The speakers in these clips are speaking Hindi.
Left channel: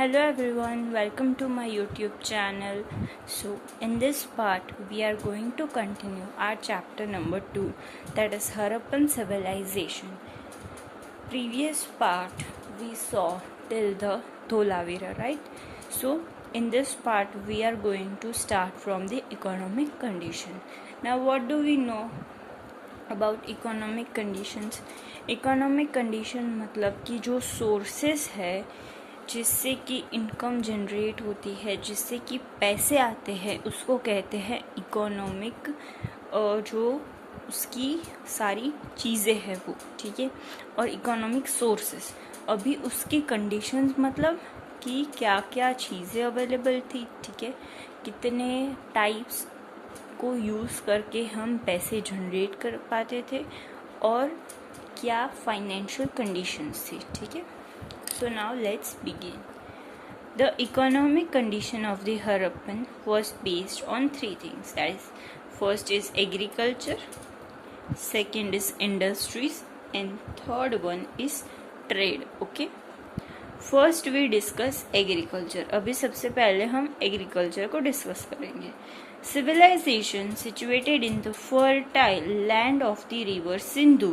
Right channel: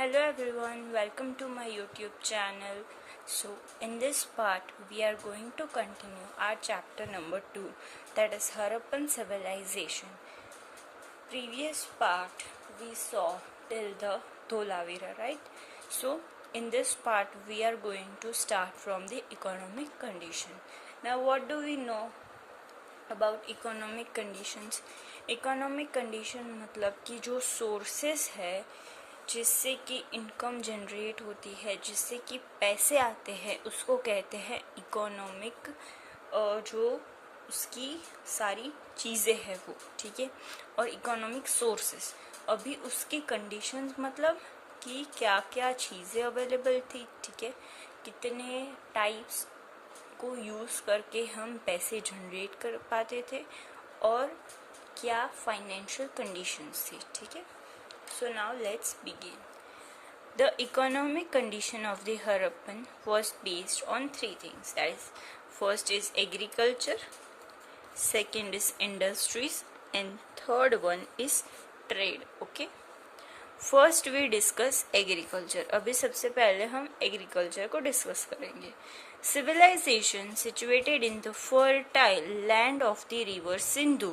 Hello everyone, welcome to my YouTube channel. So, in this part, we are going to continue our chapter number 2, that is Harappan civilization. Previous part we saw till the Dholavira, right? So, in this part, we are going to start from the economic condition. Now, what do we know about economic conditions? Economic condition मतलब कि जो सोर्सेस है जिससे कि इनकम जनरेट होती है, जिससे कि पैसे आते हैं, उसको कहते हैं इकोनॉमिक, जो उसकी सारी चीज़ें हैं वो, ठीक है। और इकोनॉमिक सोर्सेस, अभी उसकी कंडीशंस मतलब कि क्या क्या चीज़ें अवेलेबल थी, ठीक है, कितने टाइप्स को यूज़ करके हम पैसे जनरेट कर पाते थे और क्या फाइनेंशियल कंडीशंस थी, ठीक है। So now let's begin. The economic condition of the Harappan was based on three things. That is, first is agriculture, second is industries, and third one is trade. Okay. First we discuss agriculture. अभी सबसे पहले हम agriculture को discuss करेंगे. Civilization situated in the fertile land of the river Sindhu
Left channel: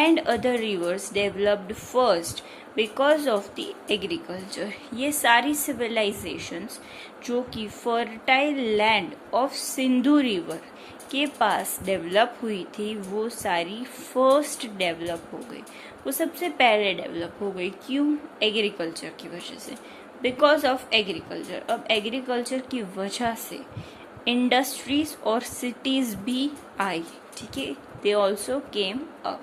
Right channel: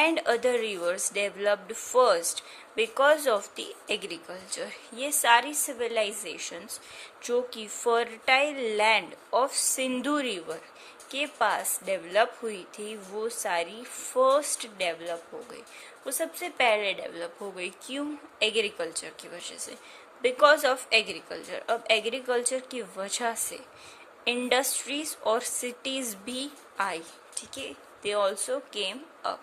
and other rivers developed first because of the agriculture. ये सारी civilizations जो कि fertile land of Sindhu river के पास डेवलप हुई थी, वो सारी फर्स्ट डेवलप हो गई, वो सबसे पहले डेवलप हो गई। क्यों? एग्रीकल्चर की वजह से, बिकॉज ऑफ एग्रीकल्चर। अब एग्रीकल्चर की वजह से इंडस्ट्रीज और सिटीज भी आई, ठीक है, they also came up.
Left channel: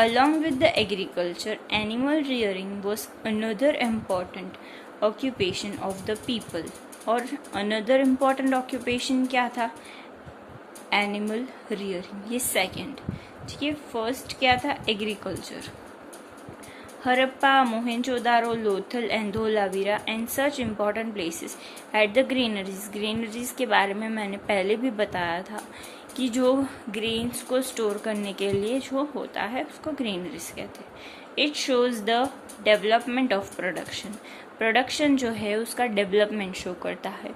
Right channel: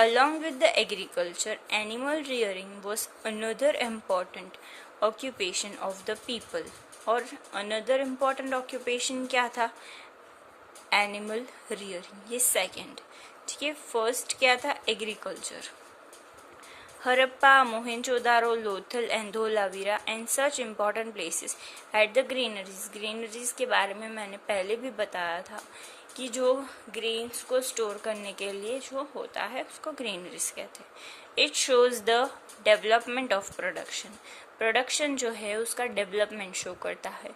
Along with the agriculture, animal rearing was another important occupation of the people. और another important occupation क्या था? Animal rearing, ये second, ठीक है। first क्या था? agriculture. Harappa, Mohenjo-daro, Lothal and Dholavira and such important places had the granaries. Granaries के बारे में मैंने पहले भी बताया था कि जो ग्रेन्स को स्टोर करने के लिए जो होता है उसको ग्रेनरीज कहते हैं। It shows the development of production. Production जो है उसका डेवलपमेंट शो करता है।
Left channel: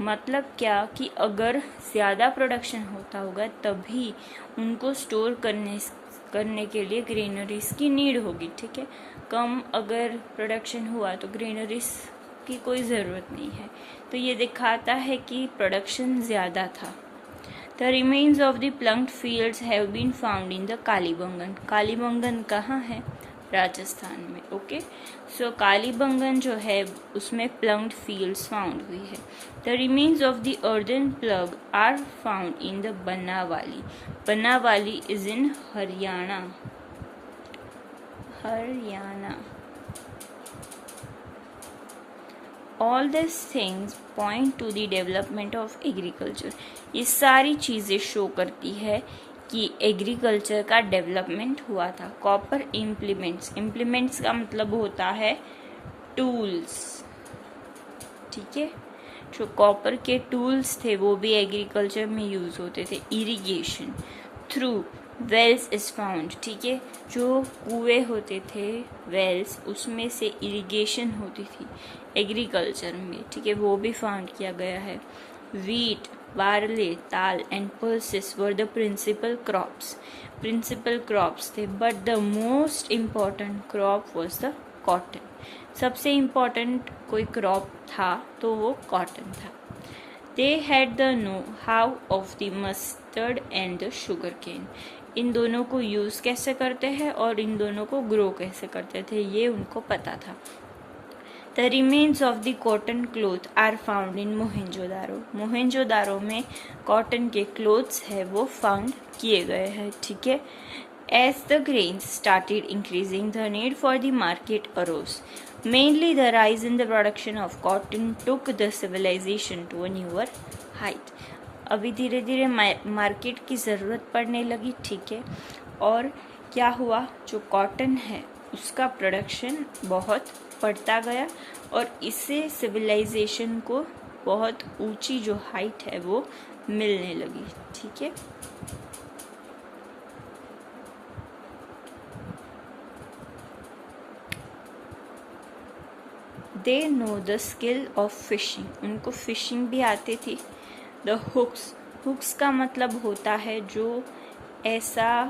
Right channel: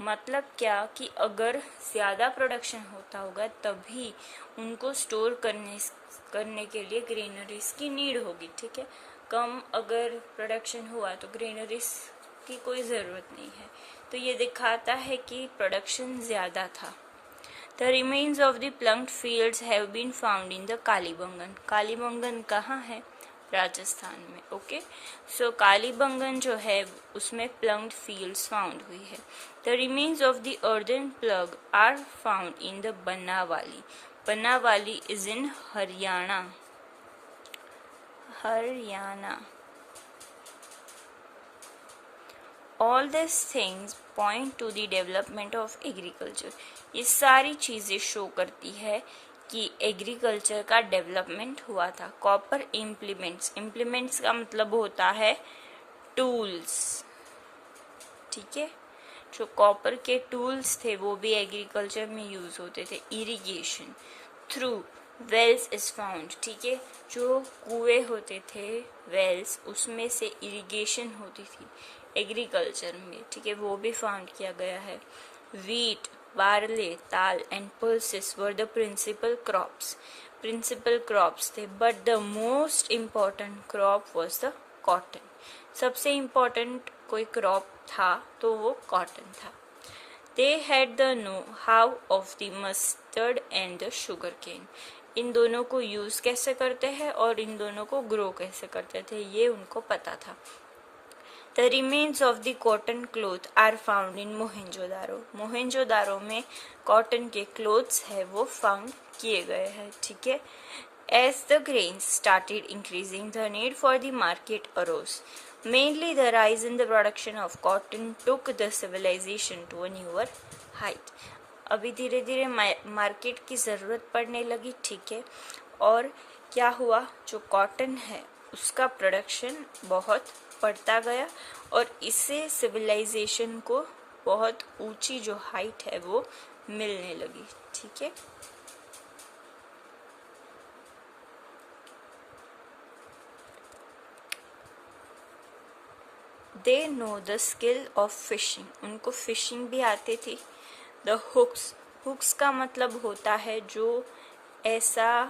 मतलब क्या कि अगर ज़्यादा प्रोडक्शन होता होगा तभी उनको स्टोर करने के लिए ग्रेनरीज की नीड होगी, ठीक है। कम अगर प्रोडक्शन हुआ तो ग्रेनरीज की कोई ज़रूरत नहीं है, तो ये दिखाता है कि प्रोडक्शन ज़्यादा था। The remains of the plunked fields have been found in the Kalibangan. Kalibangan कहाँ है? राजस्थान में। ओके, सो कालीबंगन जो है उसमें प्लंक्ड फील्ड्स फाउंड हुई है। The remains of the earthen plug are found in the Banawali. Banawali is in Haryana. All these things point to the development of agriculture. ये सारी चीज़ें शो करती है कि एग्रीकल्चर का डेवलपमेंट हुआ था। कॉपर इम्प्लीमेंट्स का मतलब होता है टूल्स, ठीक है। जो कॉपर के टूल्स थे वो भी एग्रीकल्चर में यूज होते थे। Irrigation through wells is found, ठीक है। जो कुएं होते थे, वेल्स, उसमें से इरिगेशन होती थी एग्रीकल्चर में, ठीक है, वो भी फाउंड किया गया है। वीट, बार्ले, ताल and pulses were the principal crops थे, but the most important crop was the cotton. सबसे इम्पॉर्टेंट कोई क्रॉप था तो वो कॉटन था। They had the know how of the mustard and the sugar cane. इन दोनों को यूज कैसे करते हैं और इन दोनों को ग्रो कैसे करते थे ये उनको पता था। The remains of the cotton cloth are found in Mohenjo-daro. Mohenjo-daro में कॉटन के क्लोथ्स है वो फाउंड किए गए हैं, ठीक है। As the grains started increasing, the need for the market arose. Mainly the rise in the production of cotton took the civilization to a newer height. अभी धीरे धीरे मार्केट की ज़रूरत पड़ने लगी, ठीक है। और क्या हुआ? जो कॉटन है उसका प्रोडक्शन बहुत बढ़ता गया और इससे सिविलाइजेशन को बहुत ऊंची जो हाइट है वो मिलने लगी, ठीक है। They know the skill of fishing, उनको फिशिंग भी आती थी। द हुक्स, हुक्स का मतलब होता है जो ऐसा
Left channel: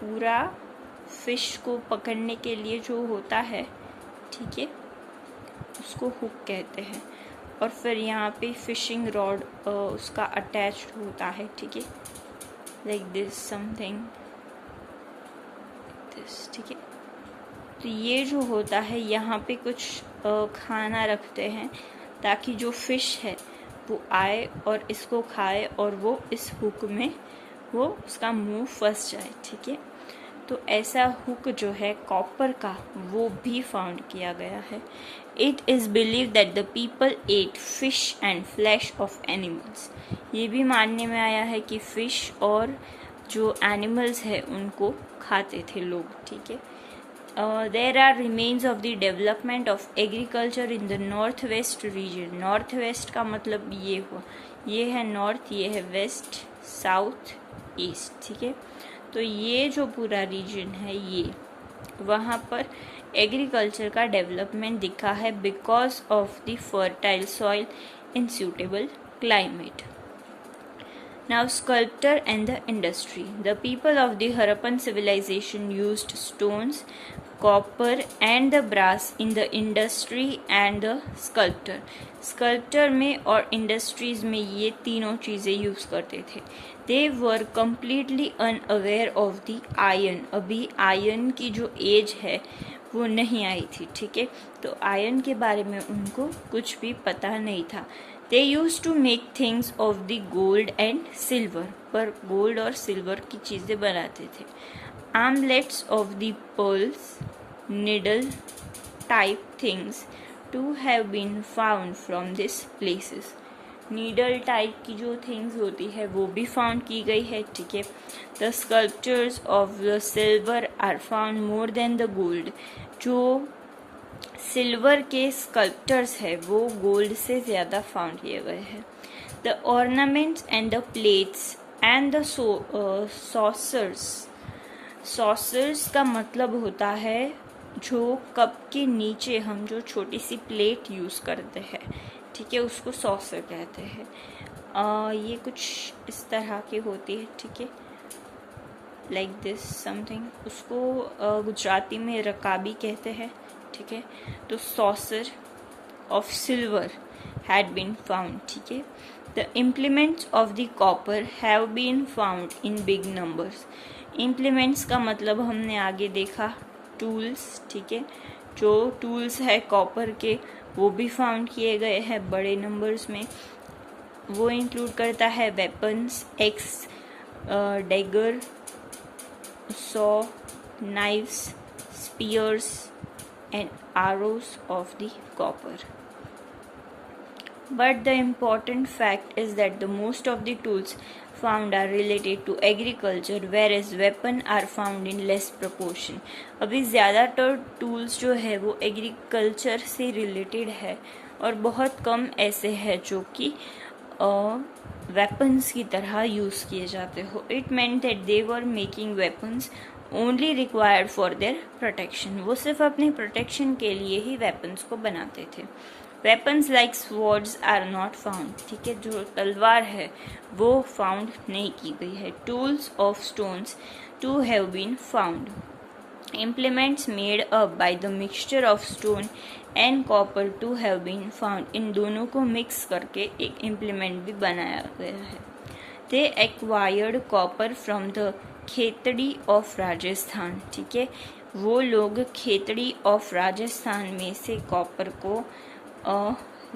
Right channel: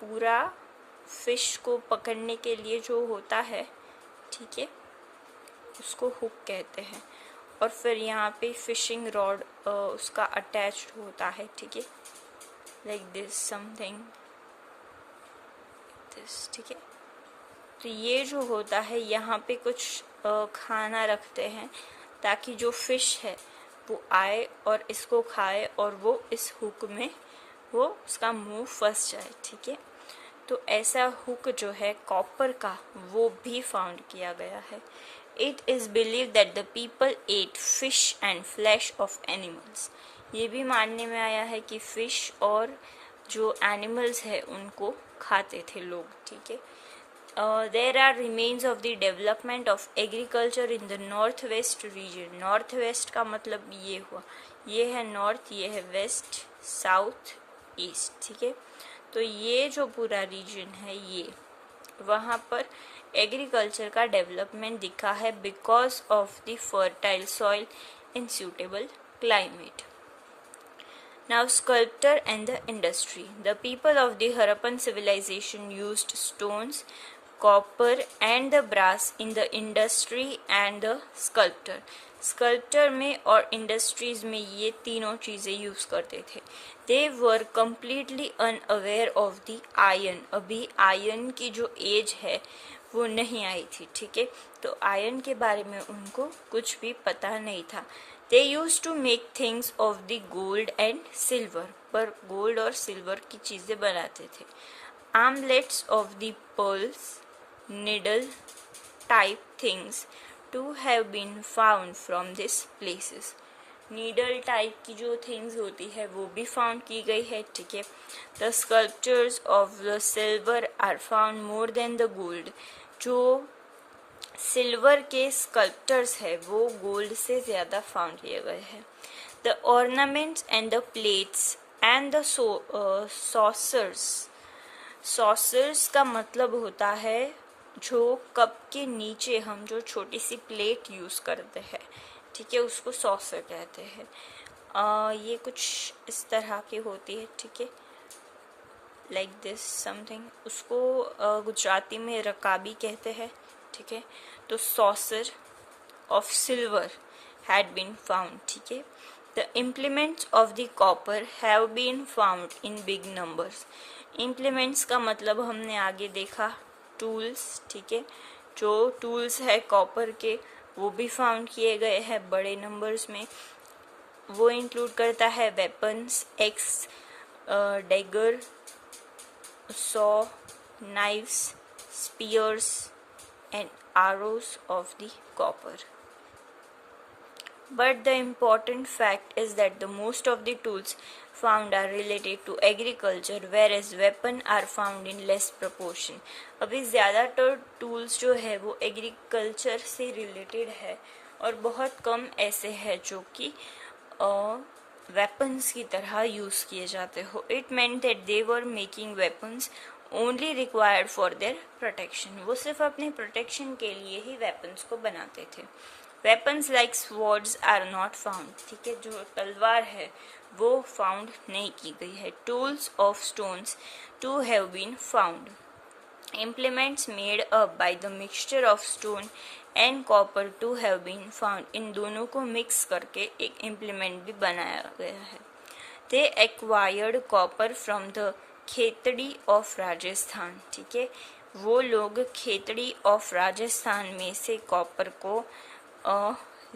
पूरा फिश को पकड़ने के लिए जो होता है, ठीक है, उसको हुक कहते हैं। और फिर यहाँ पे फिशिंग रॉड उसका अटैच्ड होता है, ठीक है, लाइक दिस समथिंग दिस, ठीक है। तो ये जो होता है यहाँ पे कुछ खाना रखते हैं ताकि जो फिश है वो आए और इसको खाए और वो इस हुक में वो उसका मुंह फंस जाए, ठीक है। तो ऐसा हुक जो है कॉपर का वो भी फाउंड किया गया है। It is believe that the people at fish and flash of animals, ये भी मानने में आया है कि फिश और जो एनिमल्स है उनको खाते थे लोग, ठीक है। There are remains of the development of agriculture in the northwest region. Northwest का मतलब ये हुआ, ये है नॉर्थ, ये है वेस्ट, साउथ, ईस्ट, ठीक है। तो ये जो पूरा रीजन है ये वहाँ पर एग्रीकल्चर का डेवलपमेंट दिखा है because of the fertile soil in suitable climate. Now, sculpture and the industry. The people of the Harappan civilization used stones, copper and the brass in the industry and the sculpture. Sculpture में और industries में ये तीनों चीज़ें यूज़ करते थे. They were completely unaware of the iron. अभी आयरन की जो एज है वो नहीं आई थी, ठीक है। तो आयरन के बारे में उनको कुछ भी पता नहीं था। They used to make things of the gold and silver, पर गोल्ड और सिल्वर की चीज़ें बनाते थे। Armlets of the pearls, needle type things to have been found from these places. Needle type की जो थिंग्स होती है वो भी फाउंड की गई है, ठीक है। The sculptures of the silver are found more than the gold, जो सिल्वर के स्कल्पचर्स है वो गोल्ड से ज़्यादा फाउंड किए गए हैं। The ornaments and the plates and the saucers, saucers का मतलब होता है जो कप के नीचे हम जो छोटी सी प्लेट यूज़ करते हैं, ठीक है, उसको सॉसर कहते हैं। ये कुछ इस तरह की होती है, ठीक है, लाइक दिस समथिंग। उसको गुजराती में रकाबी कहते हैं, ठीक है। तो saucer of silver had been found, ठीक है। The implements of the copper have been found in big numbers. Implements का मतलब हमने आगे देखा टूल्स, ठीक है। जो टूल्स है कॉपर के वो भी फाउंड किए गए हैं बड़े नंबर्स में। वो इंक्लूड करता है weapons, axe, dagger, saw, knives, spears and arrows of the copper. But the important fact is that the most of the tools found are related to agriculture, whereas weapons are found in less proportion. अभी ज़्यादातर टूल्स जो है वो एग्रीकल्चर से रिलेटेड है और बहुत कम ऐसे हैं जो कि वेपन्स की तरह यूज़ किए जाते हो। It meant that they were making weapons only required for their protection, वो सिर्फ अपने प्रोटेक्शन के लिए ही वेपन्स को बनाते थे। Weapons like swords are not found, ठीक है, जो तलवार है वो फाउंड नहीं की गई है। Tools of stones to have been found. Implements made up by the mixture of stone and copper to have been found, इन दोनों को मिक्स करके एक इम्प्लीमेंट भी बनाया गया है। दे acquired copper from the Khetri of Rajasthan, ठीक है, वो लोग खेतड़ी ऑफ राजस्थान में से कॉपर को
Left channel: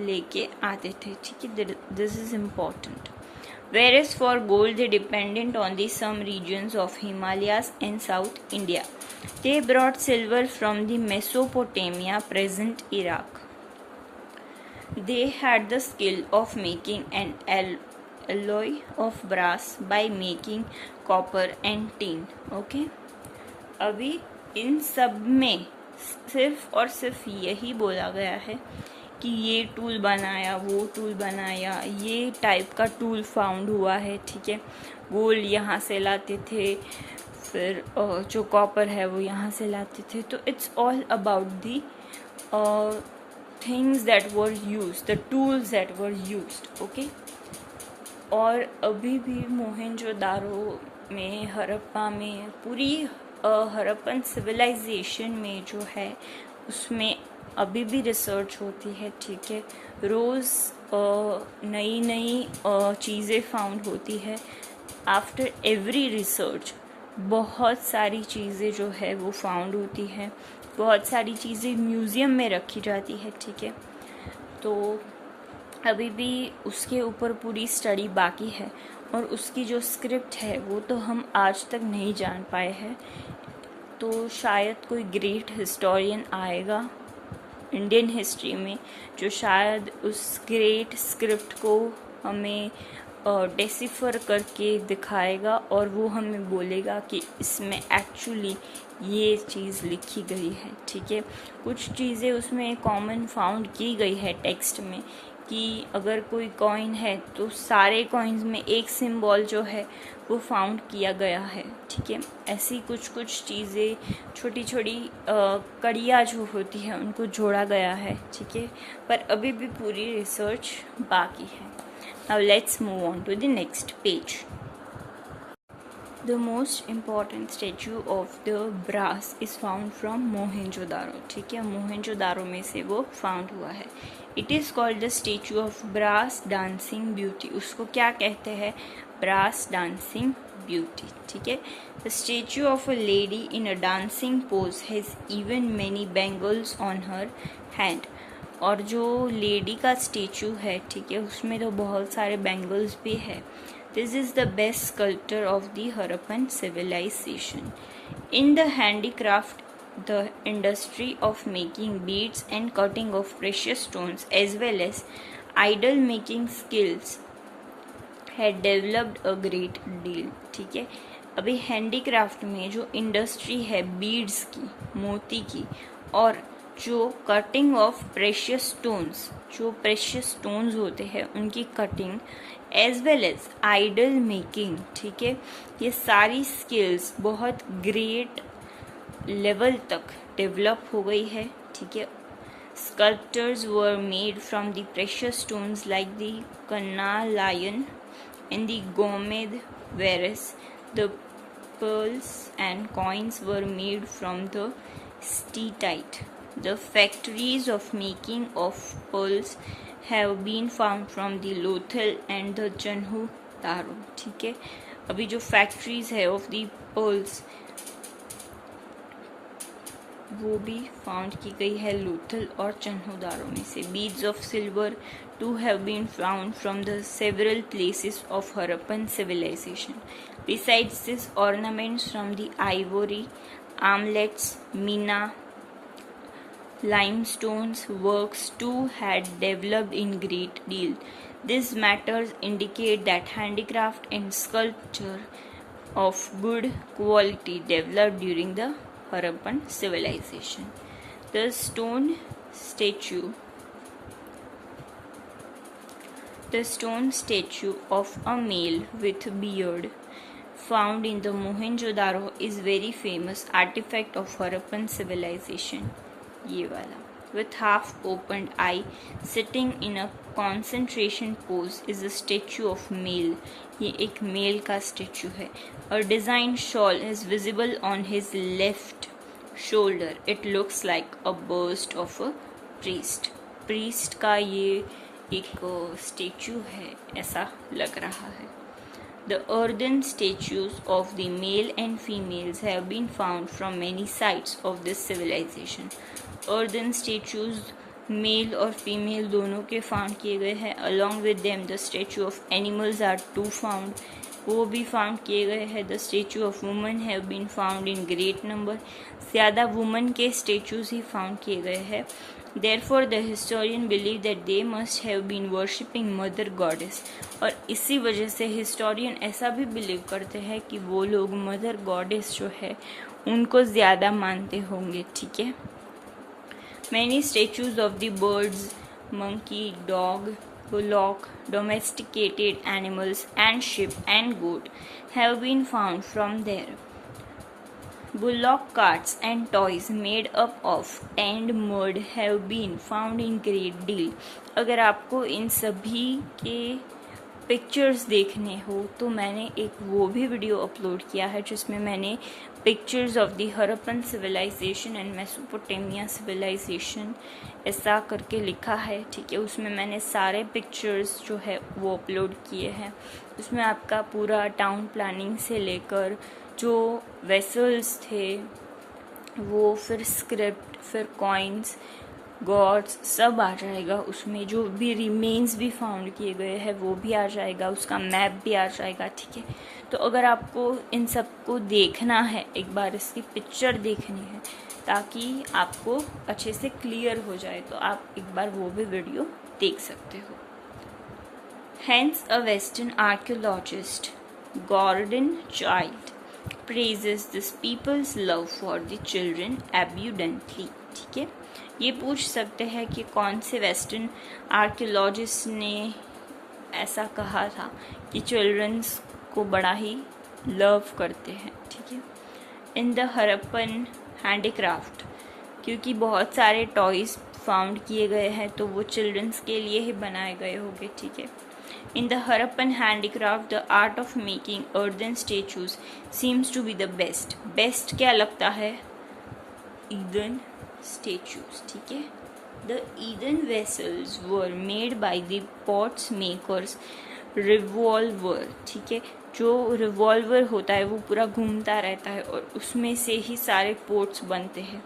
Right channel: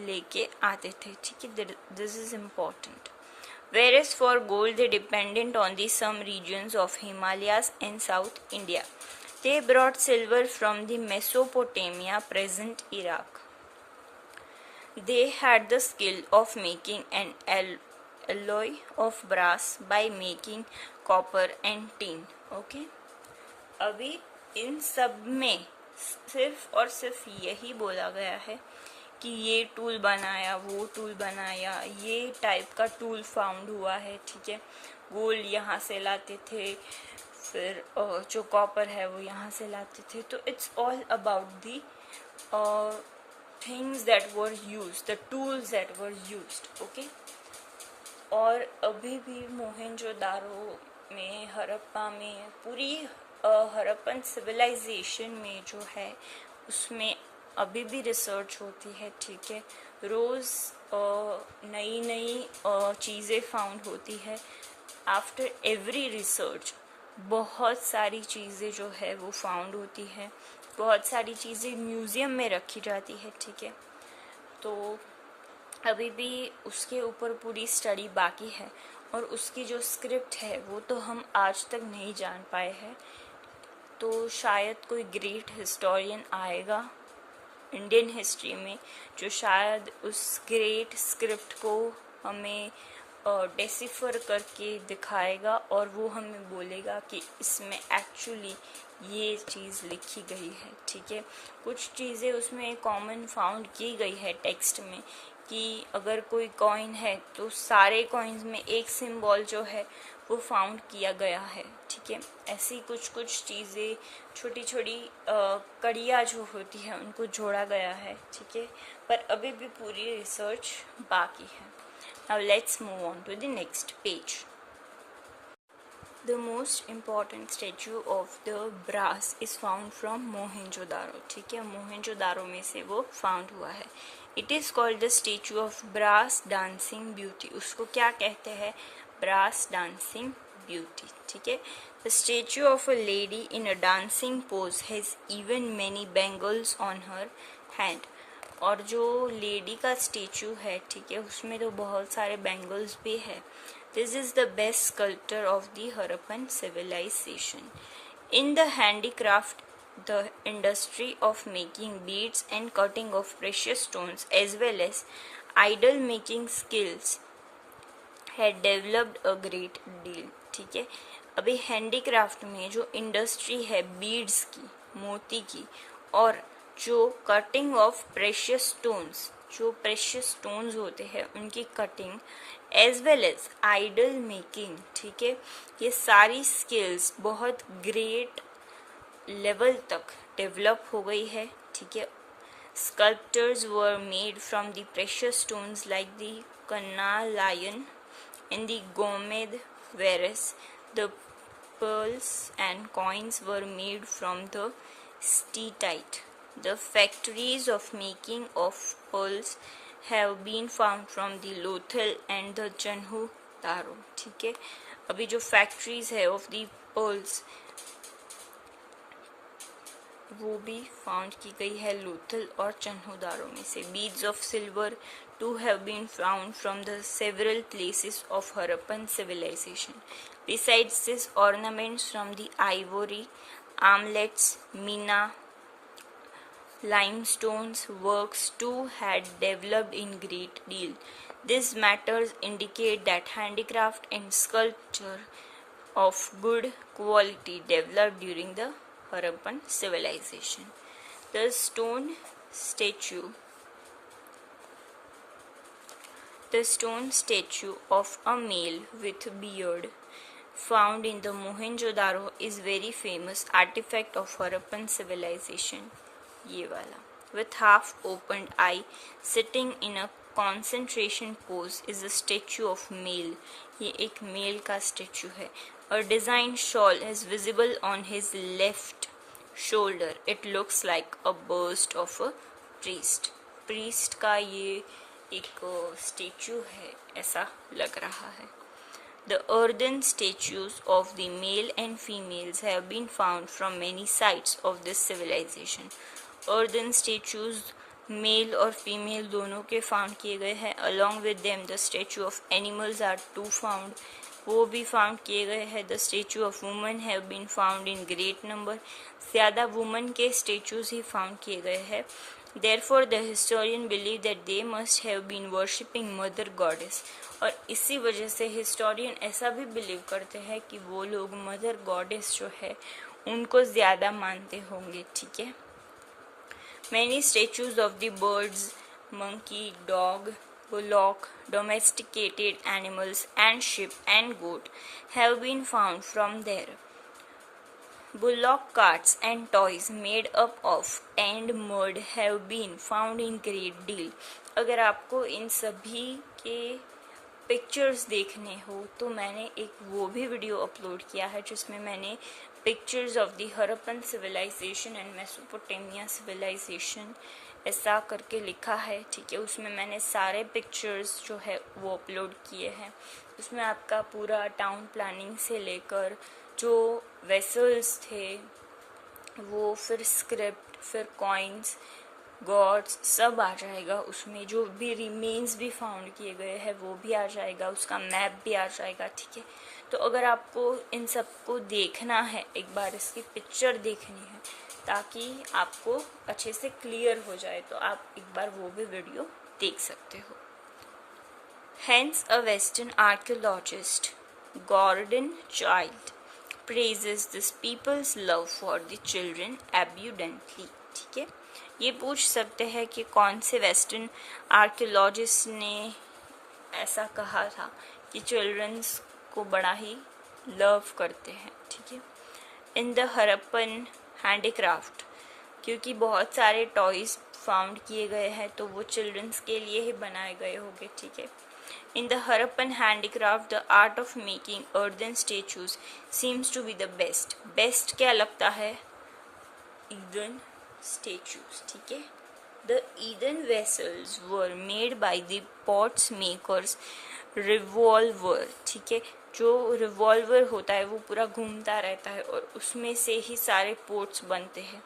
लेके आते थे, ठीक है। This is important. Whereas for gold they dependent on the some regions of Himalayas and South India. They brought silver from the Mesopotamia, present Iraq. They had the skill of making an alloy of brass by making copper and tin. Okay? अभी इन सब में सिर्फ और सिर्फ यही बोला गया है कि ये टूल बनाया, वो टूल बनाया, ये टाइप का टूल फाउंड हुआ है, ठीक है। गोल्ड यहाँ से लाते थे, फिर जो कॉपर है वो यहाँ से लाते थे. तो it's all about the things that were use, the tools that were used. Okay. और अभी भी मोहेंजोदारो में, हड़प्पा में, पूरी हड़प्पन सिविलाइजेशन में जो है उसमें अभी भी रिसर्च होती है. ठीक है. रोज़ नई नई चीज़ें फाउंड होती है. आफ्टर एवरी रिसर्च बहुत सारी चीज़ें जो है वो फाउंड होती है. बहुत सारी चीज़ें म्यूज़ियम में रखी जाती है. ठीक है. तो अभी भी उसके ऊपर पूरी स्टडी बाकी है और उसकी जो स्क्रिप्ट है वो तो हम आज तक नहीं जान पाए हैं. तो शायद कोई ग्रेट हिस्टोरियन आएगा इंडियन हिस्ट्री में जो शायद उस ग्रेट स्क्रिप्ट को हमें डेसिफर करके दिखाएगा और वो हमें बोलेगा कि इसमें एक्चुअली ये चीज़ लिखी गई है. ठीक है. कुछ चीज़ें उसमें कॉमन फाउंड की गई है टेक्स्ट में कि अगर कोई कॉइन है तो सारे कॉइन्स में एक सिंबल जो है वो फाउंड किया गया है. ठीक है. ऐसी कुछ कुछ चीज़ें, छोटी छोटी कड़ियाँ जो होती है उनको जोड़ा गया है. ठीक है. पर अभी भी पूरी रिसर्च बाकी है. Now let's move on to the next page. The most important statue of the brass is found from Mohenjo-daro. ठीक है. मोहेंजोदारो में से वो फाउंड हुआ है. It is called the statue of brass dancing beauty. उसको क्या कहते हैं? brass dancing beauty. ठीक है. The statue of a lady in a dancing pose has even many bangles on her hand. और जो लेडी का स्टेचू है, ठीक है, उसमें तो बहुत सारे बैंगल्स भी है. This is the best sculpture of the Harappan civilisation. In the handicraft, the industry of making beads and cutting of precious stones as well as idol making skills had developed a great deal. ठीक है. अभी हैंडीक्राफ्ट में जो इंडस्ट्री है बीड्स की, मोती की, और जो कटिंग ऑफ प्रेशियस स्टोन्स, जो प्रेशियस स्टोन्स होते हैं उनकी cutting, as well as idol making. ठीक है. ये सारी स्किल्स बहुत ग्रेट लेवल तक डेवलप हो गई है. ठीक है. Sculptures were made from the precious stones like the carnelian and the गोमेद, whereas the pearls and coins were made from the steatite. The factories of making of pearls have been found from the Lothal and the Janhu Daro. ठीक है. अभी जो फैक्ट्रीज है ऑफ दी पर्ल्स वो भी फाउंड की गई है लोथल और चन्हुदारो में से. Beads of silver too have been found from the several places of Harappan civilization. Besides this, ornaments from the ivory, armlets, mina, limestones works too had developed in great deal. These matters indicate that handicraft and sculpture of good quality developed during the Harappan civilization. The stone statue of a male with beard found in the Mohenjo-daro is very famous artifact of Harappan civilization. ये वाला, with half opened eye, sitting in a concentration pose, is a statue of male. ये एक मेल का स्टेचू है. A designed shawl is visible on his left shoulder. It looks like a bust of a priest. priest का ये एक स्टेचू है, ऐसा लग रहा है. The earthen statues of the male and females have been found from many sites of this civilization. Earthen statues male और फीमेल दोनों के फाउंड किए गए हैं. Along with them the statue of animals are too found. वो भी फाउंड किए गए हैं. The statue of women have been found in great number. ज़्यादा वुमन के स्टेचूज ही फाउंड किए गए हैं. Therefore the historian believe that they must have been worshipping mother goddess. और इसी वजह से हिस्टोरियन ऐसा भी बिलीव करते हैं कि वो लोग मदर गॉडेस जो है उनको ज़्यादा मानते होंगे. ठीक है. Many statues of the birds, monkey, dog, bullock, domesticated animals and sheep and goat have been found from there. bullock carts and toys made up of tanned mud have been found in great deal. अगर आपको इन सभी के पिक्चर्स देखने हो तो मैंने एक वो भी वीडियो अपलोड किया है जिसमें मैंने pictures of the Harappan civilisation and Mesopotamia civilisation ऐसा करके लिखा है, ठीक है। उसमें मैंने सारे पिक्चर्स जो है वो अपलोड किए हैं। उसमें आपका पूरा टाउन प्लानिंग से लेकर जो वेसल्स थे वो, फिर स्क्रिप्ट, फिर कॉइन्स, गॉड्स, सब आ जाएगा उसमें। जो भी रिमेन्स भी फाउंड किए गए हैं वो भी आ जाएगा, उसका मैप भी आ जाएगा, ठीक है। तो अगर आपको इन सब को देखना है, एक बार इसकी पिक्चर देखनी है ताकि आपको अच्छे से क्लियर हो जाए, तो आप एक बार वो भी वीडियो देख सकते हो। Hence, a Western archaeologist, Gordon Childe, praises this people's love for the children abundantly. ठीक है, ये पूछ सकते हैं कि कौन से वेस्टर्न आर्कियोलॉजिस्ट ने ऐसा कहा था कि चिल्ड्रंस को बड़ा ही लव करते हैं, ठीक है। इन द हरप्पन हैंडीक्राफ्ट, क्योंकि बहुत सारे टॉयज फाउंड किए गए हैं तो वो चिल्ड्रंस के लिए ही बनाए गए होंगे, ठीक है। In the Harappan handicraft, the art of making earthen statues seems to be the best. Best क्या लगता है? Earthen statues, ठीक है। The earthen vessels were made by the pots makers revolver, ठीक है। जो रिवॉल्वर होता है वो पूरा घूमता रहता है और उसमें से ही सारे पोट्स बनते हैं।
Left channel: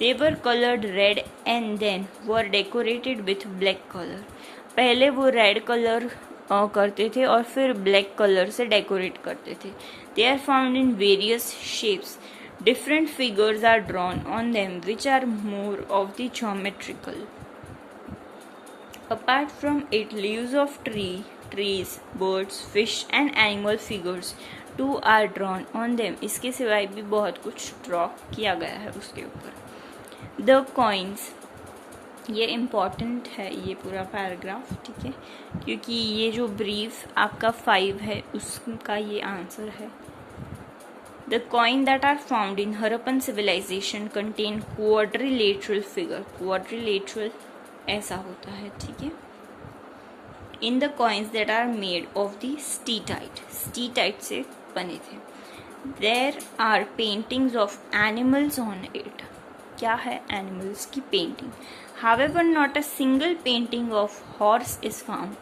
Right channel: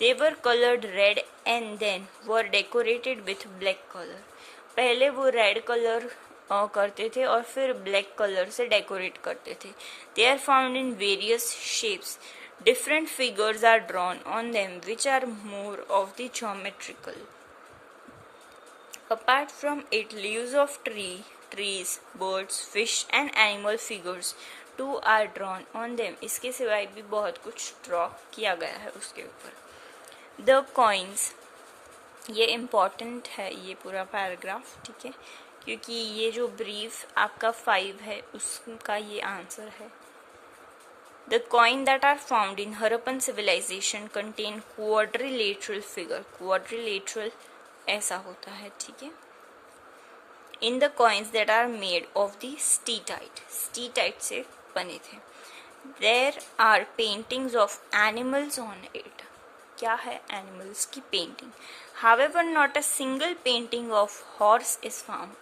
They were colored red and then were decorated with black color. पहले वो रेड कलर करते थे और फिर ब्लैक कलर से डेकोरेट करते थे। They are found in various shapes, different figures are drawn on them which are more of the geometrical. Apart from it leaves of trees, birds, fish and animal figures too are drawn on them. इसके सिवाय भी बहुत कुछ ड्रॉ किया गया है उसके ऊपर। द कॉइन्स, ये इम्पॉर्टेंट है ये पूरा पैराग्राफ, ठीक है, क्योंकि ये जो ब्रीफ आपका 5 है उसका ये आंसर है। The coin that are found in Harappan civilisation contain quadrilateral figure. Quadrilateral ऐसा होता है, ठीक है। In the coins that are made of the steatite, steatite से बने थे। There are paintings of animals on it. क्या है? एनिमल्स की painting. However, not a single painting of horse is found.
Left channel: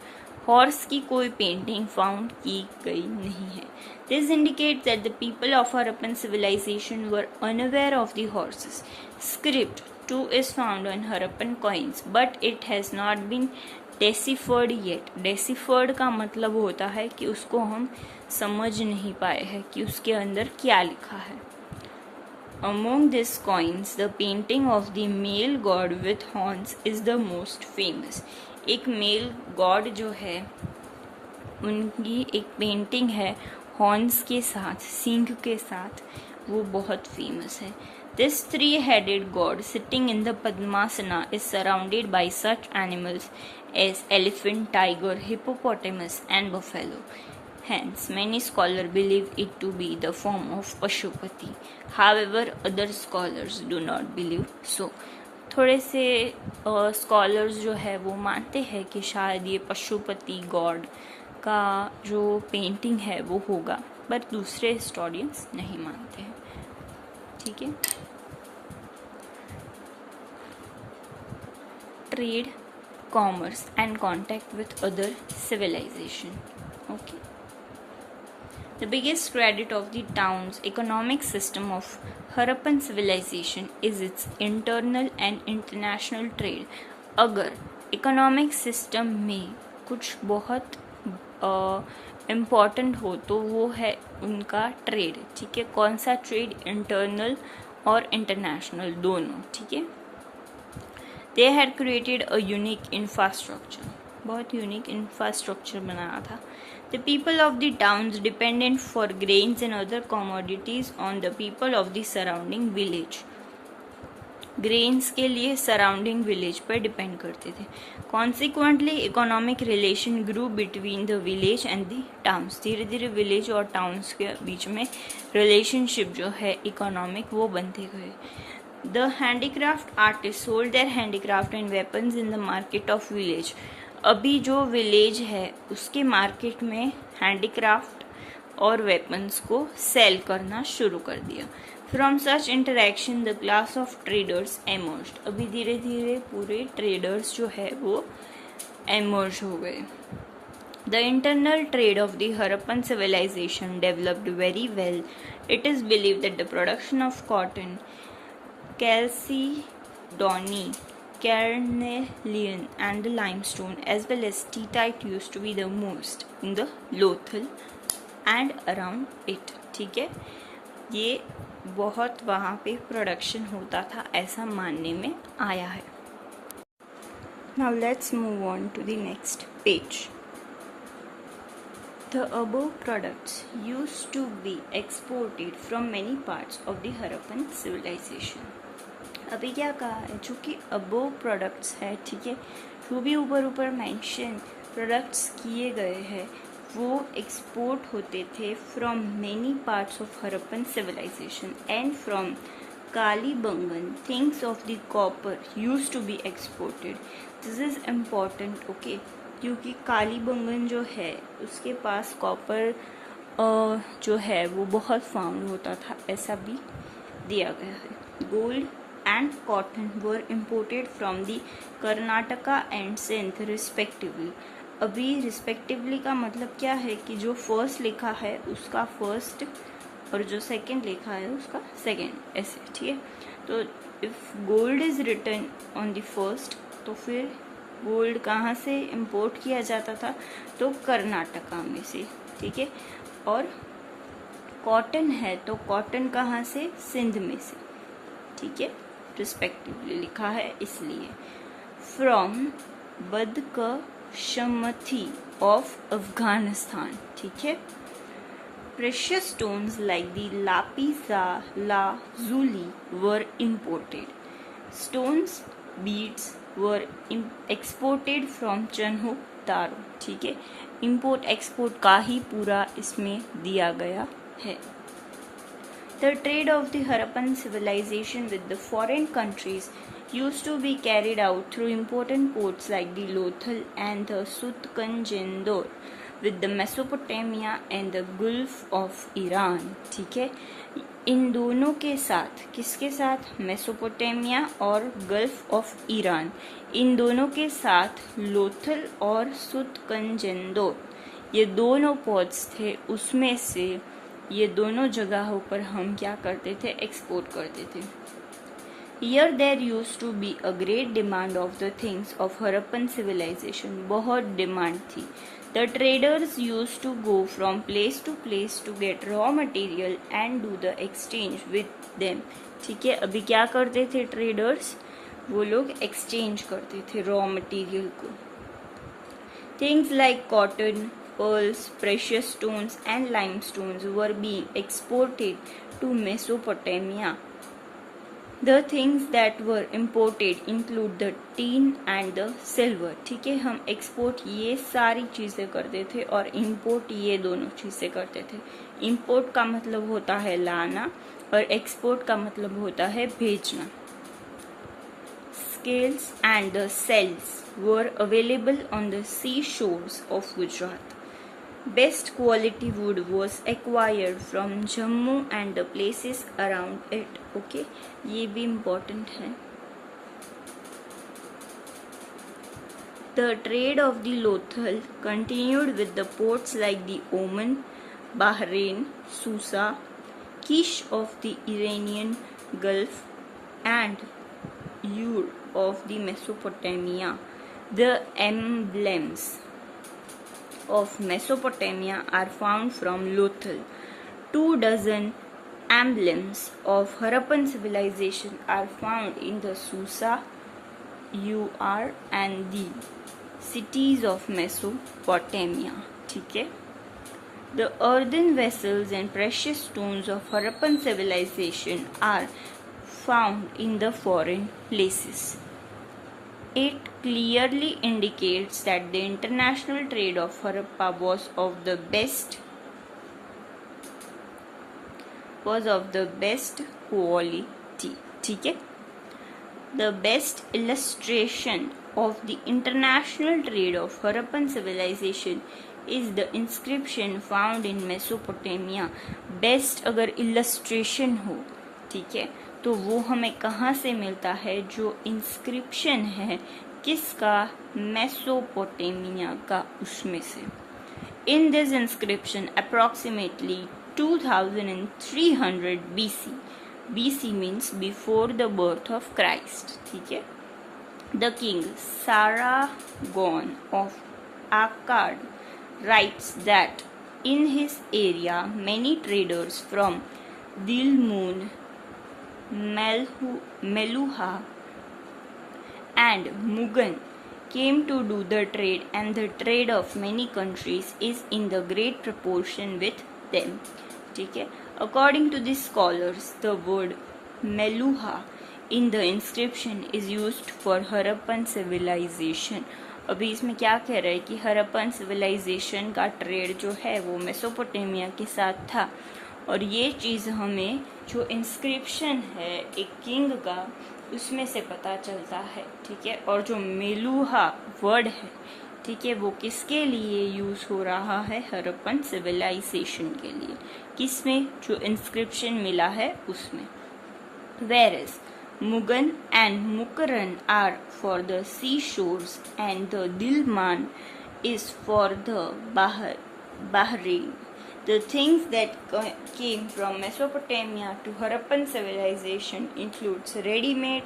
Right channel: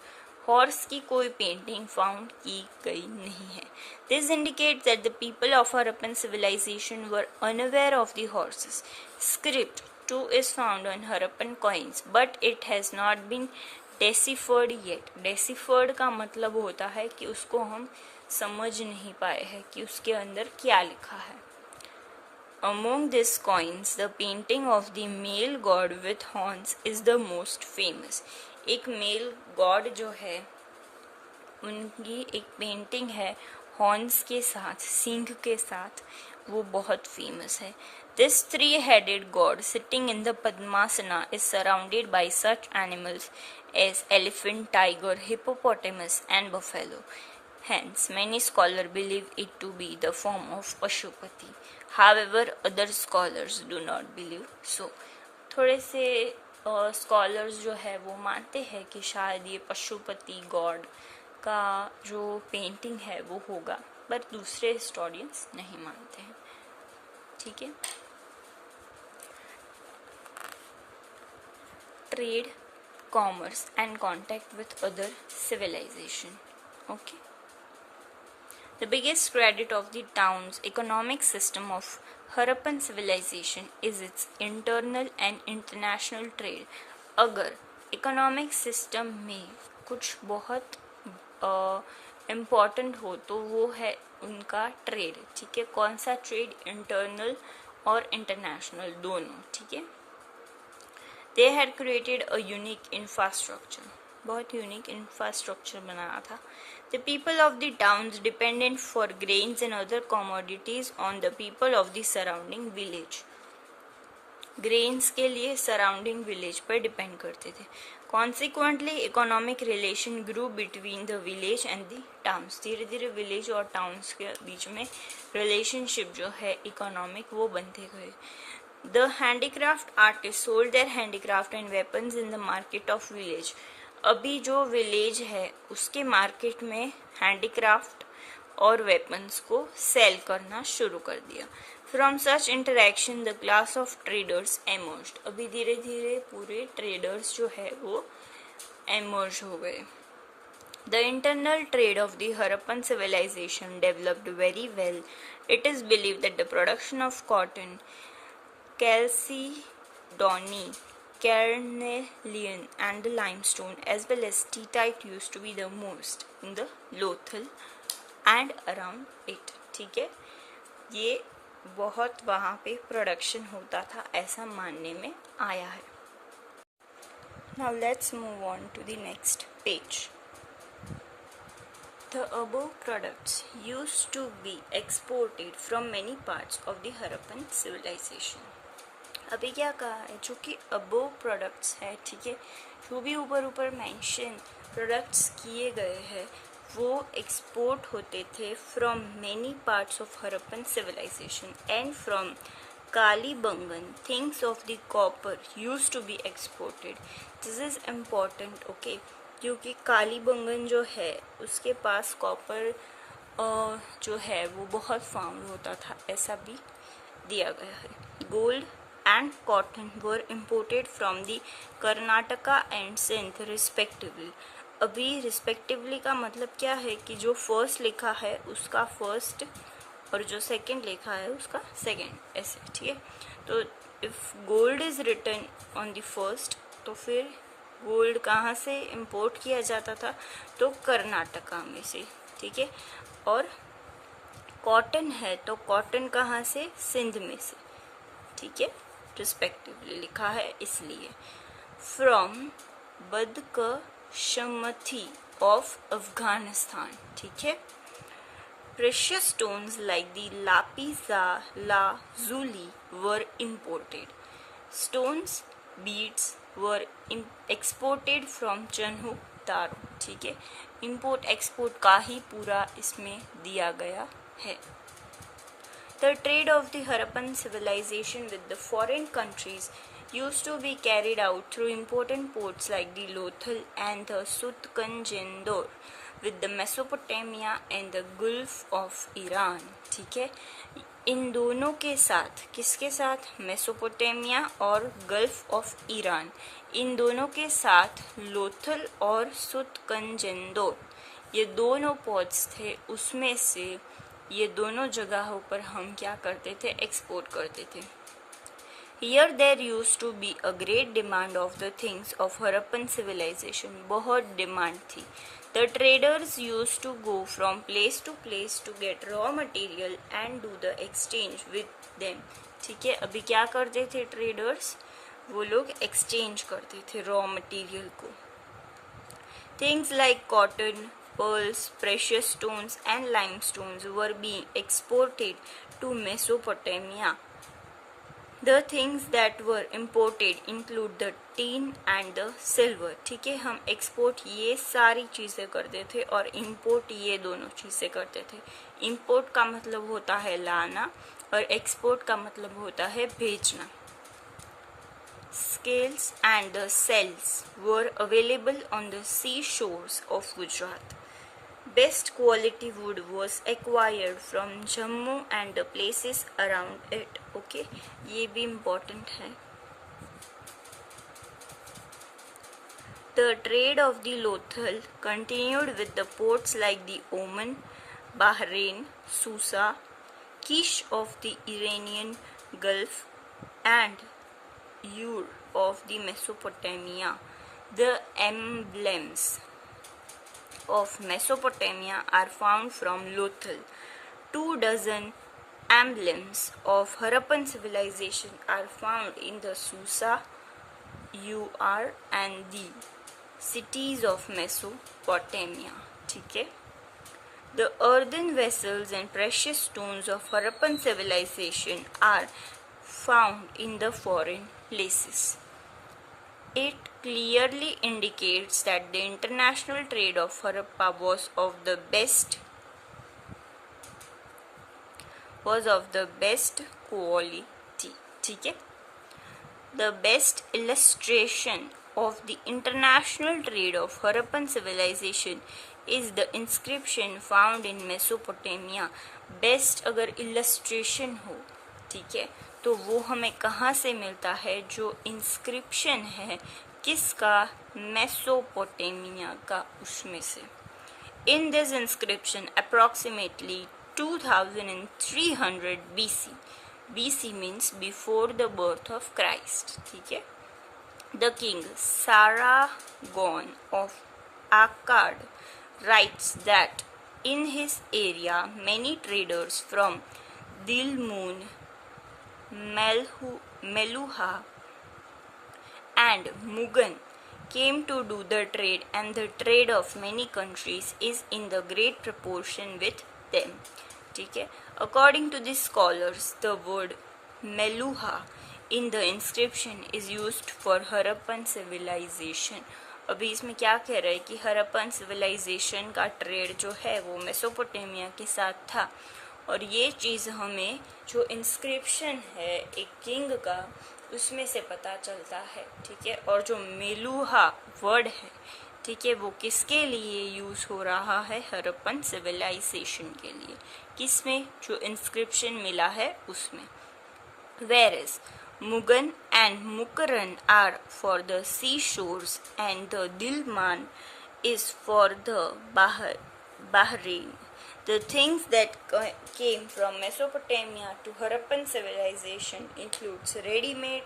Horse की कोई पेंटिंग फाउंड की गई नहीं है। This indicates that the people of Harappan civilization were unaware of the horses. Script too is found on Harappan coins, but it has not been deciphered yet. Deciphered का मतलब होता है कि उसको हम समझ नहीं पाए हैं कि उसके अंदर क्या लिखा है। Among these coins, the painting of the male god with horns is the most famous. एक मेल गॉड जो है उनकी एक पेंटिंग है हॉर्न्स के साथ, सींग के साथ, वो बहुत फेमस है। This three-headed god sitting in the Padmasana is surrounded by such animals as elephant, tiger, hippopotamus and buffalo. Hence, many scholars believe it to be the form of Pashupati. However, other scholars do not believe so. थोड़े से स्कॉलर्स जो है वो मानते हैं कि शायद ये पशुपति गॉड का जो पेंटिंग है वो होगा, पर दूसरे हिस्टोरियंस नहीं मानते हैं, ठीक है। Trade, commerce and contact with other civilisation, okay. The biggest credit of the town's economic system of Harappan civilization is its internal and international trade. अगर इकोनॉमिक सिस्टम में कुछ बहुत इम्पॉर्टेंट हो तो वो है उनका ट्रेड, ठीक है। कौन सा ट्रेड? इंटरनल और इंटरनेशनल दोनों, ठीक है। They had created a unique infrastructure, बहुत यूनिक इंफ्रास्ट्रक्चर बनाया था। The people of the towns depended for grains and other commodities on the people of the surrounding village. Grains के लिए सराउंडिंग विलेज पर डिपेंड करते थे। Consequently economic relation grew between the village and the towns. धीरे धीरे विलेज और टाउन्स के बीच में रिलेशनशिप जो है इकोनॉमिक वो बनते गए। The handicraft artist sold there handicraft and weapons in the market of village. अभी जो विलेज है उसके मार्केट में हैंडीक्राफ्ट और वेपन्स को सेल करना शुरू कर दिया। From such interaction the class of traders emerged. अभी धीरे धीरे पूरे ट्रेडर्स जो है वो एमर्ज हो गए। The internal trade of the Harappan civilisation developed very well. It is believe that the production of cotton, chalcedony, carnelian and the limestone as well as T-type used to be the most in the Lothal and around it। ठीक है, ये बहुत वहाँ पे प्रोडक्शन होता था ऐसा मानने में आया है। Now let's move on to the next page. The above products used to be exported from many parts of the Harappan civilization। अभी क्या कहा है, जो कि अबोव प्रोडक्ट्स है, ठीक है, जो भी ऊपर मेंशन प्रोडक्ट्स किए गए हैं वो एक्सपोर्ट होते थे from many parts of Harappan civilisation and from Kalibangan things of the copper used to be exported. This is important, okay, क्योंकि कालीबंगन जो है उसके पास कॉपर जो है वो बहुत फाउंड होता था, ऐसा भी दिया गया है। Gold and cotton were imported from the Karnataka and Sindh respectively। अभी respectively का मतलब क्या है कि जो फर्स्ट लिखा है उसका फर्स्ट और जो सेकंड लिखा है उसका सेकंड, ऐसे, ठीक है। तो if gold is written on the first तो फिर गोल्ड कहाँ से इंपोर्ट किया जाता था, तो कर्नाटका में से, ठीक है। और कॉटन है तो कॉटन कहाँ से, सिंध में से, ठीक है, रिस्पेक्टिवली लिखा है इसलिए। फ्रॉम बदकशमथी ऑफ अफगानिस्तान, ठीक है। Precious stones like the lapis lazuli were imported. Stones beads were exported from Chanhu Daro, ठीक है। इंपोर्ट एक्सपोर्ट का ही पूरा इसमें दिया गया है। The trade of the Harappan civilization with the foreign countries used to be carried out through important ports like the Lothal and the Sutkanjendor with the Mesopotamia and the Gulf of Iran, ठीक है। इन दोनों के साथ, किसके साथ, मेसोपोटामिया और गल्फ ऑफ ईरान, इन दोनों के साथ लोथल और सुतकंजेंदोर, ये दोनों पोर्ट्स थे, उसमें से ये दोनों जगहों पर हम क्या करते थे, एक्सपोर्ट करते थे। Here there used to be a great demand of the things of Harappan civilization, बहुत डिमांड थी। The traders used to go from place to place to get raw material and do the exchange with them, ठीक है। अभी क्या करते थे ट्रेडर्स, वो लोग एक्सचेंज करते थे रॉ मटेरियल को। Things like cotton, pearls, precious stones and limestones were being exported to Mesopotamia। The things that were imported include the tin and the silver, ठीक है। हम एक्सपोर्ट ये सारी चीज़ें करते थे और इंपोर्ट ये दोनों चीज़ें करते थे। इंपोर्ट का मतलब होता है लाना और एक्सपोर्ट का मतलब होता है भेजना। Scales and the cells were available on the seashores of Gujarat। Best quality wood was acquired from Jammu and the places around it, okay, ये भी important है। The trade of the Lothal continued with the ports like the Oman, Bahrain, Susa, Kish of the Iranian Gulf and Ur of the Mesopotamia। The emblems of Mesopotamia are found from Lothal। 24 emblems of Harappan civilization are found in the Susa, Ur and the cities of Mesopotamia, ठीक है। The earthen vessels and precious stones of Harappan civilization are found in the foreign places. It clearly indicates that the international trade of Harappa was of the best quality. ठीक है? The best illustration of the international trade of Harappan civilization is the inscription found in Mesopotamia. Best अगर illustration हो, ठीक है, तो वो हमें कहाँ से मिलता है? जो इंस्क्रिप्शन है किसका? मेसोपोटामिया का, उसमें से. In this inscription, approximately 2300 BC. BC means before the birth of Christ. ठीक है? The king Sargon of Akkad writes that in his area many traders from Dilmun, Meluha and Mugan came to do the trade, and the trade of many countries is in the great proportion with them. ठीक है? According to the scholars, the word Meluha in the inscription is used for Harappan civilization. अभी इसमें क्या कह रहा है कि हरप्पन सिविलाइजेशन का ट्रेड जो है वो मेसोपोटामिया के साथ था, और ये चीज़ हमें जो इंस्क्रिप्शन है एक किंग का उसमें से पता चलता है. ठीक है? और जो मेलुहा वर्ड है, ठीक है, वो किसके लिए यूज हो रहा है? हरप्पन सिविलाइजेशन के लिए. किसमें? जो इंस्क्रिप्शन मिला है उसमें. Whereas Mugan and Mukran are for the seashores and the Dilman is for the Bahrain. The things that came from Mesopotamia to Harappan civilization includes ready-made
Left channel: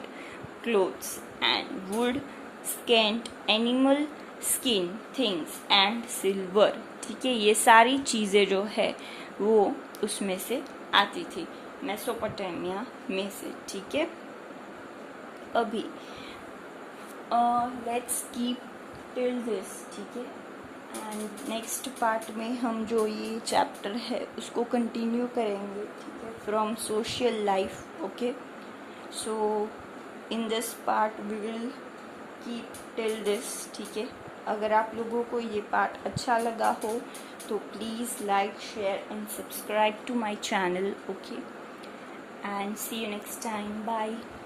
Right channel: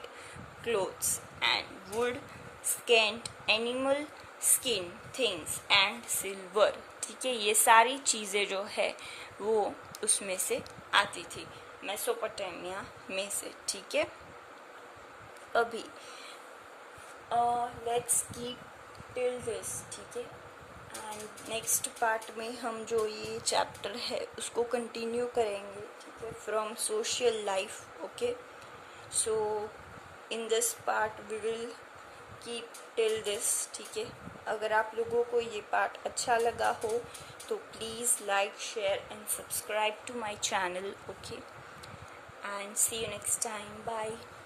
clothes and wood, scant animal skin things and silver. ठीक है, ये सारी चीज़ें जो है वो उसमें से आती थी, मेसोपोटामिया में से. ठीक है, अभी लेट्स कीप टिल दिस. ठीक है, एंड नेक्स्ट पार्ट में हम जो ये चैप्टर है उसको कंटिन्यू करेंगे. ठीक है, from social life. Okay, so in this part we will keep till this. ठीक है, अगर आप लोगों को ये पार्ट अच्छा लगा हो तो please like, share and subscribe to my channel. Okay, and see you next time. Bye.